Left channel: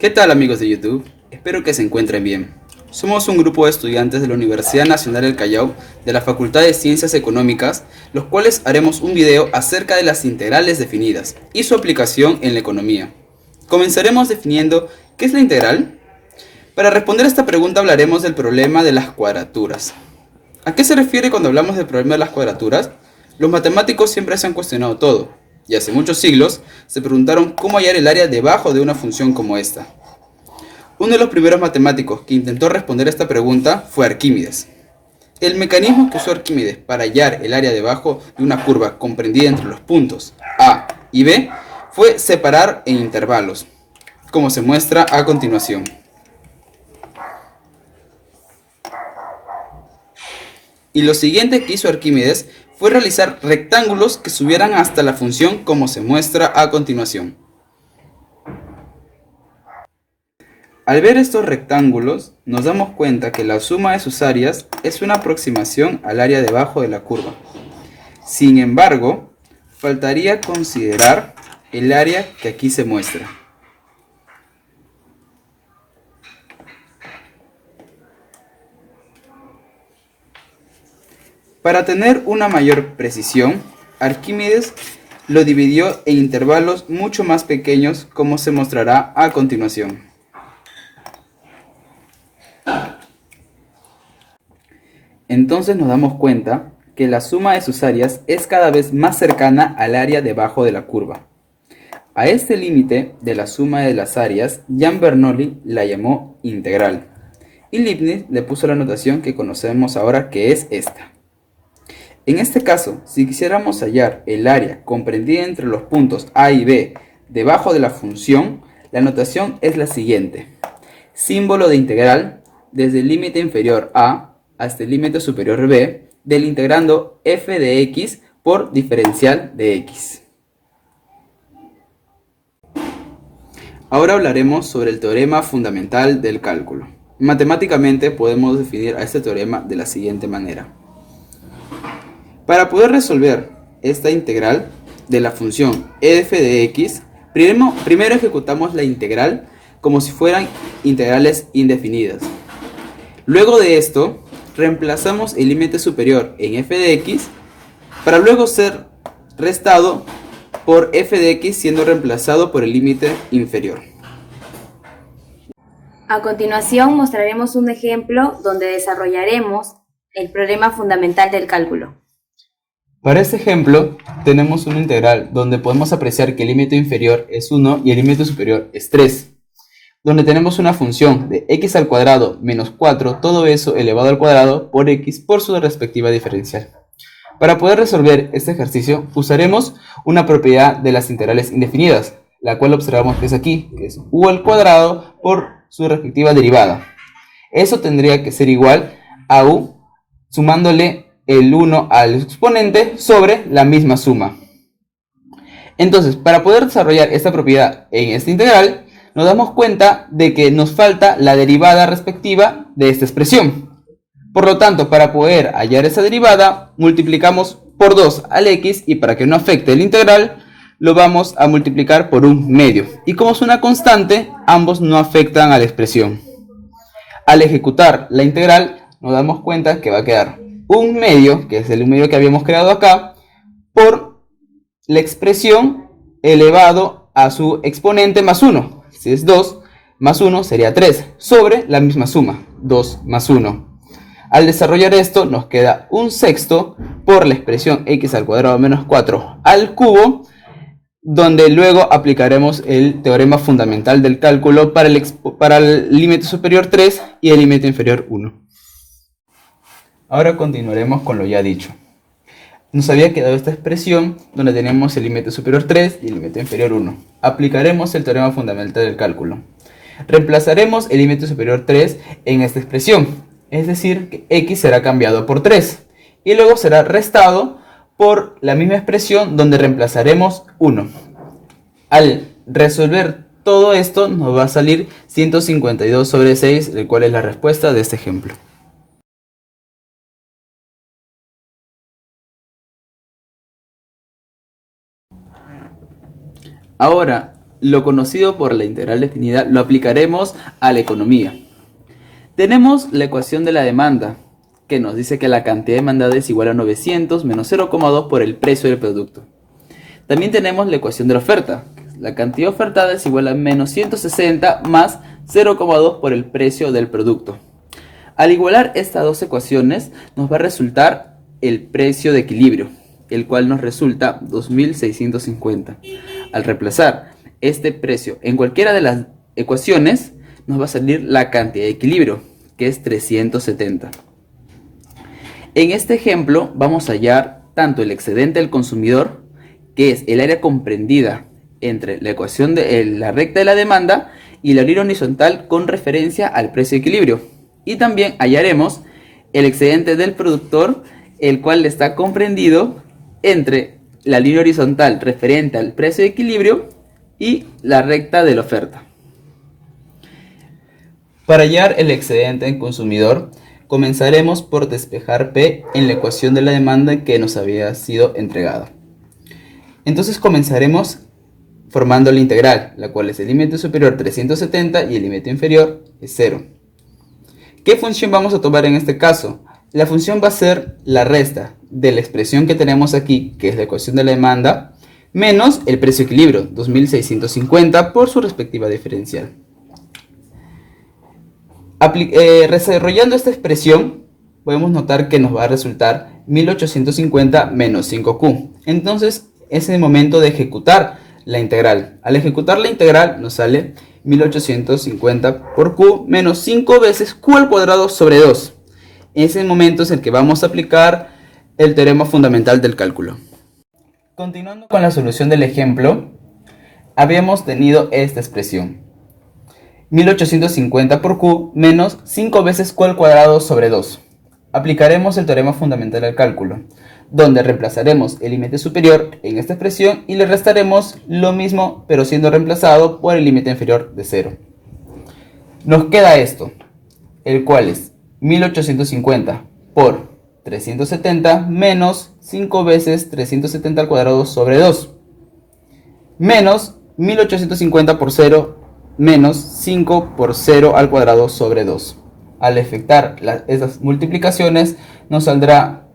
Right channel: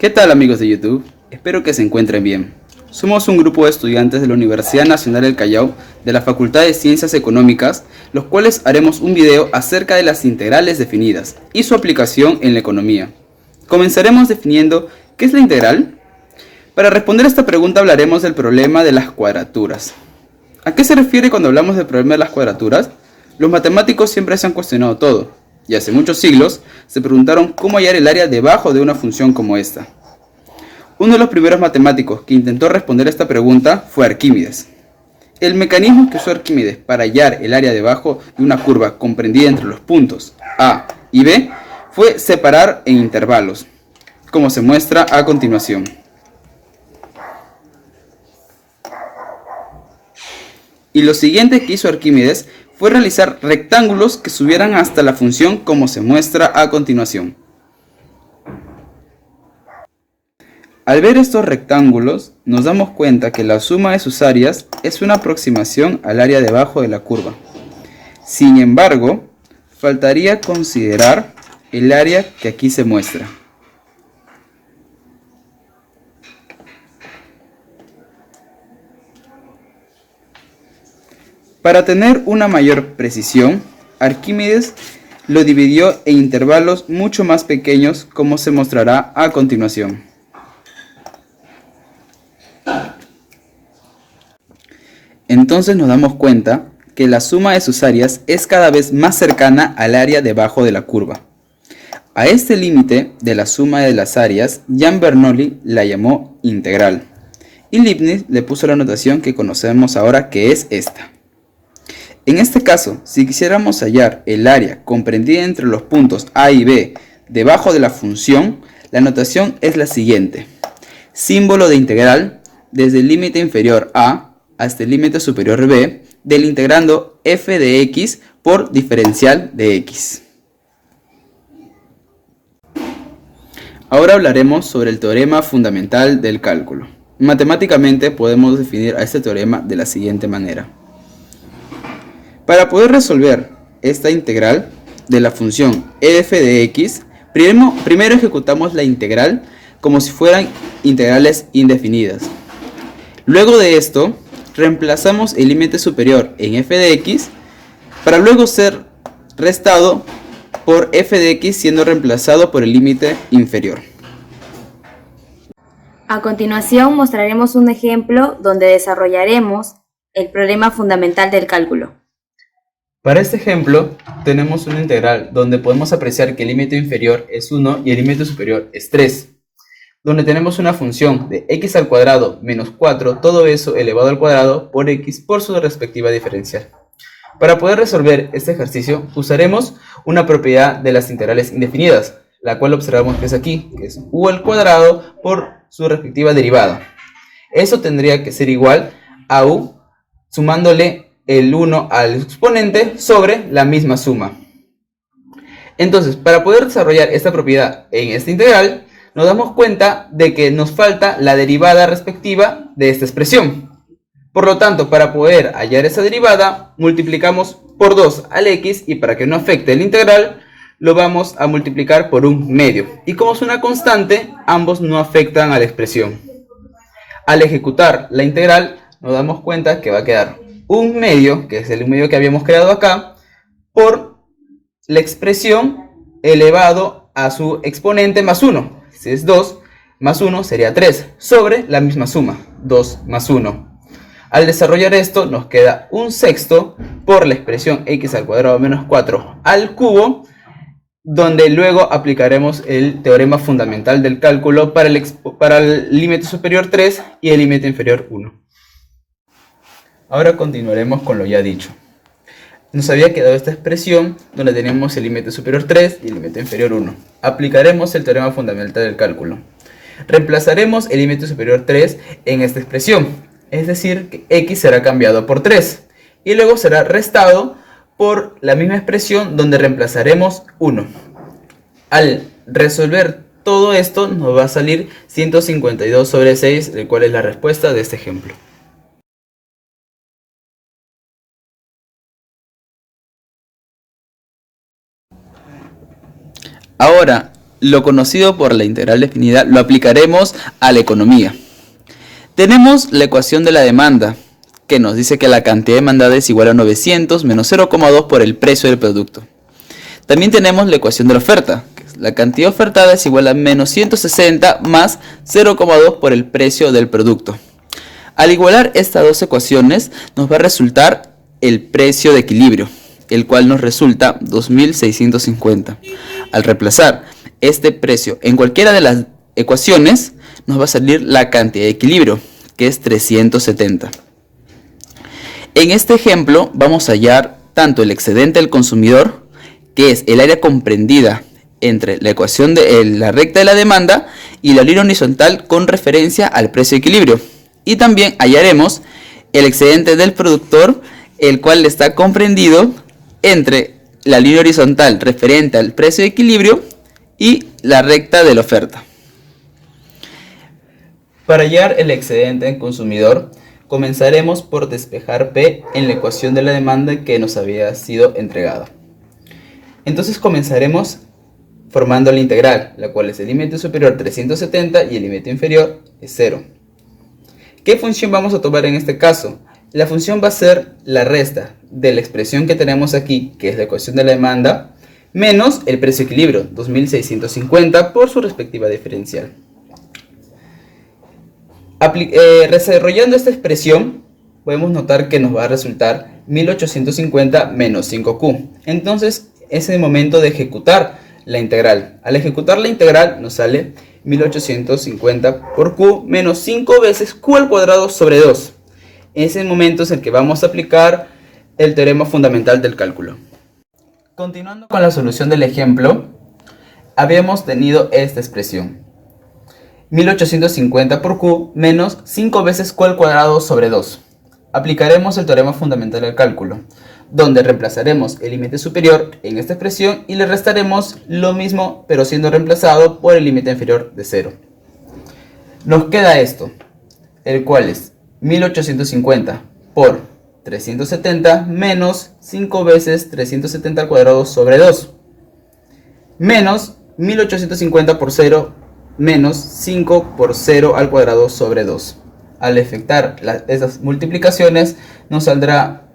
¿Qué tal amigos de YouTube? Espero que se encuentren bien. Somos un grupo de estudiantes de la Universidad Nacional del Callao de la Facultad de Ciencias Económicas, los cuales haremos un video acerca de las integrales definidas y su aplicación en la economía. Comenzaremos definiendo ¿qué es la integral? Para responder a esta pregunta hablaremos del problema de las cuadraturas. ¿A qué se refiere cuando hablamos del problema de las cuadraturas? Los matemáticos siempre se han cuestionado todo, y hace muchos siglos se preguntaron cómo hallar el área debajo de una función como esta. Uno de los primeros matemáticos que intentó responder esta pregunta fue Arquímedes. El mecanismo que usó Arquímedes para hallar el área debajo de una curva comprendida entre los puntos A y B fue separar en intervalos, como se muestra a continuación. Y lo siguiente que hizo Arquímedes fue realizar rectángulos que subieran hasta la función como se muestra a continuación. Al ver estos rectángulos, nos damos cuenta que la suma de sus áreas es una aproximación al área debajo de la curva. Sin embargo, faltaría considerar el área que aquí se muestra. Para tener una mayor precisión, Arquímedes lo dividió en intervalos mucho más pequeños, como se mostrará a continuación. Entonces nos damos cuenta que la suma de sus áreas es cada vez más cercana al área debajo de la curva. A este límite de la suma de las áreas, Gian Bernoulli la llamó integral, y Leibniz le puso la notación que conocemos ahora, que es esta. En este caso, si quisiéramos hallar el área comprendida entre los puntos A y B debajo de la función, la notación es la siguiente. Símbolo de integral desde el límite inferior A hasta el límite superior B del integrando f de x por diferencial de x. Ahora hablaremos sobre el teorema fundamental del cálculo. Matemáticamente podemos definir a este teorema de la siguiente manera. Para poder resolver esta integral de la función f de x, primero ejecutamos la integral como si fueran integrales indefinidas. Luego de esto, reemplazamos el límite superior en f de x para luego ser restado por f de x siendo reemplazado por el límite inferior. A continuación mostraremos un ejemplo donde desarrollaremos el problema fundamental del cálculo. Para este ejemplo tenemos una integral donde podemos apreciar que el límite inferior es 1 y el límite superior es 3. Donde tenemos una función de x al cuadrado menos 4, todo eso elevado al cuadrado por x por su respectiva diferencial. Para poder resolver este ejercicio usaremos una propiedad de las integrales indefinidas, la cual observamos que es aquí, que es u al cuadrado por su respectiva derivada. Eso tendría que ser igual a u sumándole el 1 al exponente sobre la misma suma. Entonces, para poder desarrollar esta propiedad en esta integral, nos damos cuenta de que nos falta la derivada respectiva de esta expresión. Por lo tanto, para poder hallar esa derivada, multiplicamos por 2 al x y para que no afecte el integral, lo vamos a multiplicar por un medio. Y como es una constante, ambos no afectan a la expresión. Al ejecutar la integral, nos damos cuenta que va a quedar un medio, que es el medio que habíamos creado acá, por la expresión elevado a su exponente más 1. Si es 2 más 1 sería 3, sobre la misma suma, 2 más 1. Al desarrollar esto nos queda un sexto por la expresión x al cuadrado menos 4 al cubo, donde luego aplicaremos el teorema fundamental del cálculo para el límite superior 3 y el límite inferior 1. Ahora continuaremos con lo ya dicho. Nos había quedado esta expresión donde tenemos el límite superior 3 y el límite inferior 1. Aplicaremos el teorema fundamental del cálculo. Reemplazaremos el límite superior 3 en esta expresión, es decir, que x será cambiado por 3 y luego será restado por la misma expresión donde reemplazaremos 1. Al resolver todo esto nos va a salir 152 sobre 6, el cual es la respuesta de este ejemplo. Ahora, lo conocido por la integral definida lo aplicaremos a la economía. Tenemos la ecuación de la demanda, que nos dice que la cantidad demandada es igual a 900 menos 0,2 por el precio del producto. También tenemos la ecuación de la oferta, que es la cantidad ofertada es igual a menos 160 más 0,2 por el precio del producto. Al igualar estas dos ecuaciones, nos va a resultar el precio de equilibrio, el cual nos resulta 2.650. Al reemplazar este precio en cualquiera de las ecuaciones, nos va a salir la cantidad de equilibrio, que es 370. En este ejemplo vamos a hallar tanto el excedente del consumidor, que es el área comprendida entre la ecuación de la recta de la demanda y la línea horizontal con referencia al precio de equilibrio. Y también hallaremos el excedente del productor, el cual está comprendido entre la línea horizontal referente al precio de equilibrio y la recta de la oferta. Para hallar el excedente del consumidor, comenzaremos por despejar P en la ecuación de la demanda que nos había sido entregada. Entonces comenzaremos formando la integral, la cual es el límite superior 370 y el límite inferior es 0. ¿Qué función vamos a tomar en este caso? La función va a ser la resta de la expresión que tenemos aquí, que es la ecuación de la demanda, menos el precio de equilibrio, 2.650 por su respectiva diferencial. Desarrollando esta expresión, podemos notar que nos va a resultar 1850 menos 5Q. Entonces, es el momento de ejecutar la integral. Al ejecutar la integral, nos sale 1850 por Q menos 5 veces Q al cuadrado sobre 2. Ese momento es el que vamos a aplicar el teorema fundamental del cálculo. Continuando con la solución del ejemplo, habíamos tenido esta expresión. 1850 por Q menos 5 veces Q al cuadrado sobre 2. Aplicaremos el teorema fundamental del cálculo, donde reemplazaremos el límite superior en esta expresión y le restaremos lo mismo, pero siendo reemplazado por el límite inferior de 0. Nos queda esto, el cual es 1850 por 370 menos 5 veces 370 al cuadrado sobre 2, menos 1850 por 0 menos 5 por 0 al cuadrado sobre 2. Al efectuar esas multiplicaciones nos saldrá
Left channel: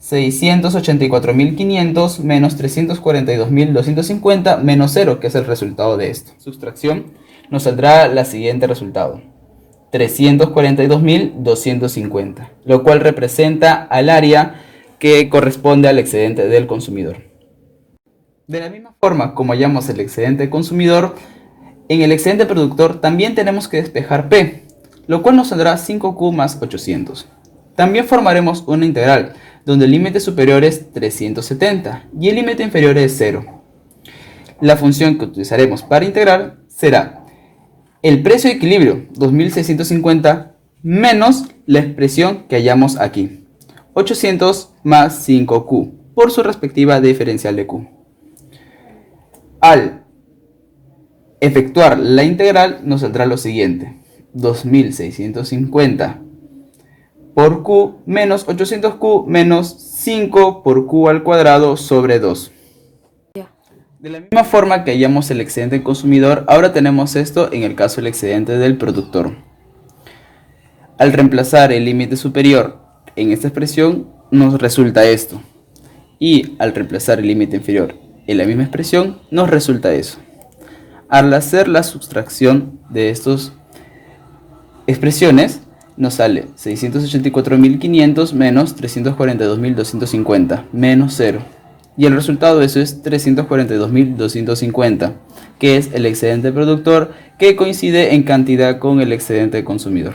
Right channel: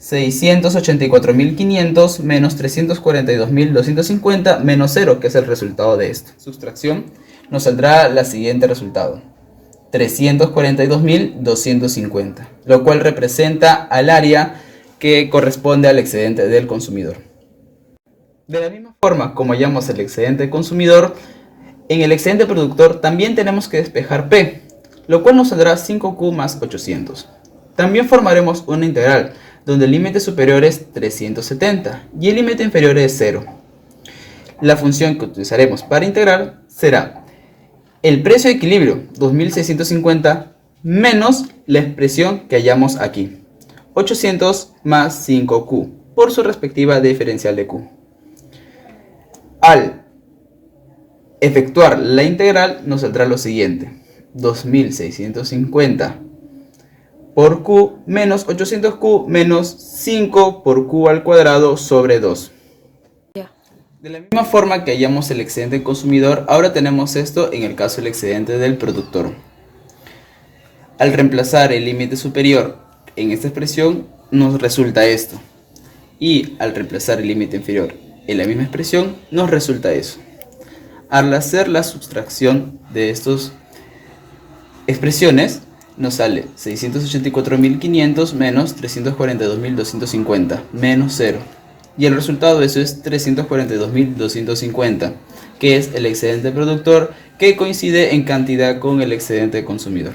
684.500 menos 342.250 menos 0, que es el resultado de esto. Sustracción nos saldrá la siguiente resultado: 342.250, lo cual representa al área que corresponde al excedente del consumidor. De la misma forma como hallamos el excedente del consumidor, en el excedente productor también tenemos que despejar P, lo cual nos saldrá 5Q más 800. También formaremos una integral, donde el límite superior es 370 y el límite inferior es 0. La función que utilizaremos para integrar será el precio de equilibrio, 2650, menos la expresión que hallamos aquí, 800 más 5Q, por su respectiva diferencial de Q. Al efectuar la integral nos saldrá lo siguiente: 2650 por Q menos 800Q menos 5 por Q al cuadrado sobre 2. De la misma forma que hallamos el excedente del consumidor, ahora tenemos esto en el caso del excedente del productor. Al reemplazar el límite superior en esta expresión nos resulta esto, y al reemplazar el límite inferior en la misma expresión nos resulta eso. Al hacer la sustracción de estas expresiones nos sale 684.500 menos 342.250 menos 0, y el resultado de eso es 342.250, que es el excedente productor, que coincide en cantidad con el excedente consumidor.